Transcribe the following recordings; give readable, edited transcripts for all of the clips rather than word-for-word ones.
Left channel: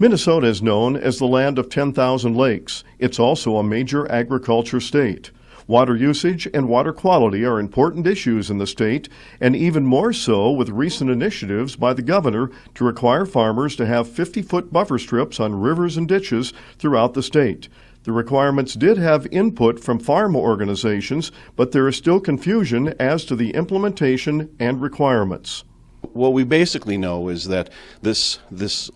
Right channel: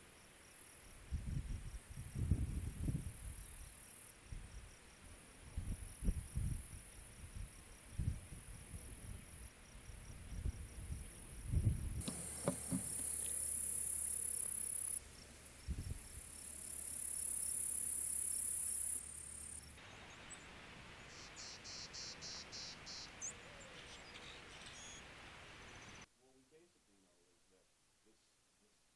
Minnesota is known as the land of 10,000 lakes. It's also a major agriculture state. Water usage and water quality are important issues in the state, and even more so with recent initiatives by the governor to require farmers to have 50-foot buffer strips on rivers and ditches throughout the state. The requirements did have input from farm organizations, but there is still confusion as to the implementation and requirements. What we basically know is that this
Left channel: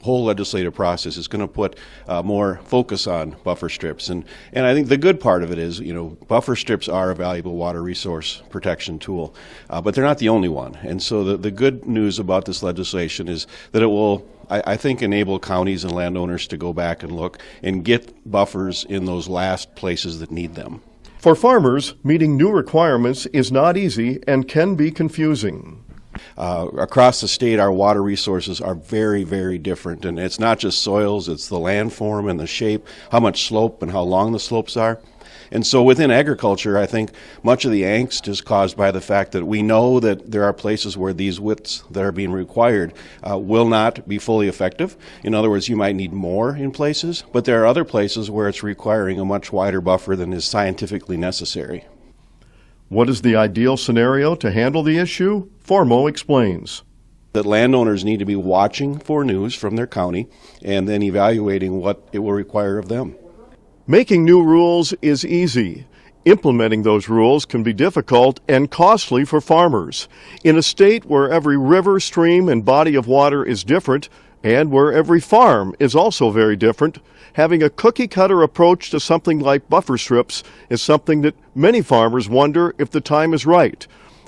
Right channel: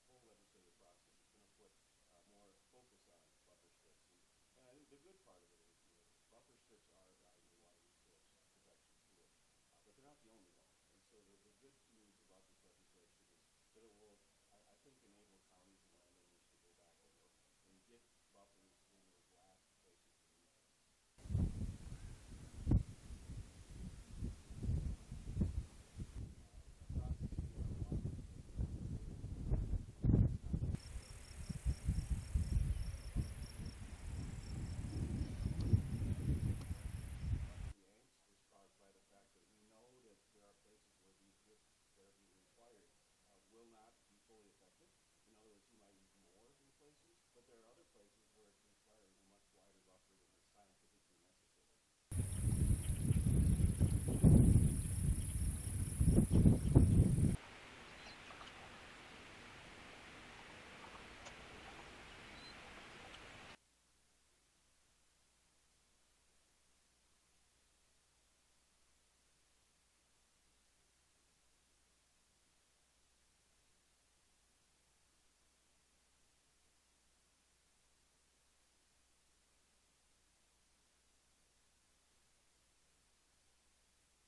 whole legislative process is going to put more focus on buffer strips, and I think the good part of it is, buffer strips are a valuable water resource protection tool, but they're not the only one. And so the good news about this legislation is that it will, I think, enable counties and landowners to go back and look and get buffers in those last places that need them. For farmers, meeting new requirements is not easy and can be confusing. Across the state, our water resources are very, very different, and it's not just soils, it's the landform and the shape, how much slope and how long the slopes are. And so within agriculture, I think much of the angst is caused by the fact that we know that there are places where these widths that are being required will not be fully effective. In other words, you might need more in places, but there are other places where it's requiring a much wider buffer than is scientifically necessary. What is the ideal scenario to handle the issue? Formo explains. That landowners need to be watching for news from their county and then evaluating what it will require of them. Making new rules is easy. Implementing those rules can be difficult and costly for farmers. In a state where every river, stream, and body of water is different, and where every farm is also very different, having a cookie-cutter approach to something like buffer strips is something that many farmers wonder if the time is right.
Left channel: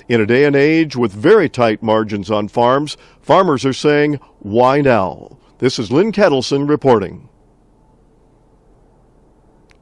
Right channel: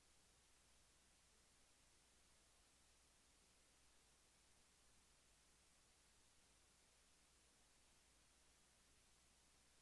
In a day and age with very tight margins on farms, farmers are saying, why now? This is Lynn Ketelsen reporting.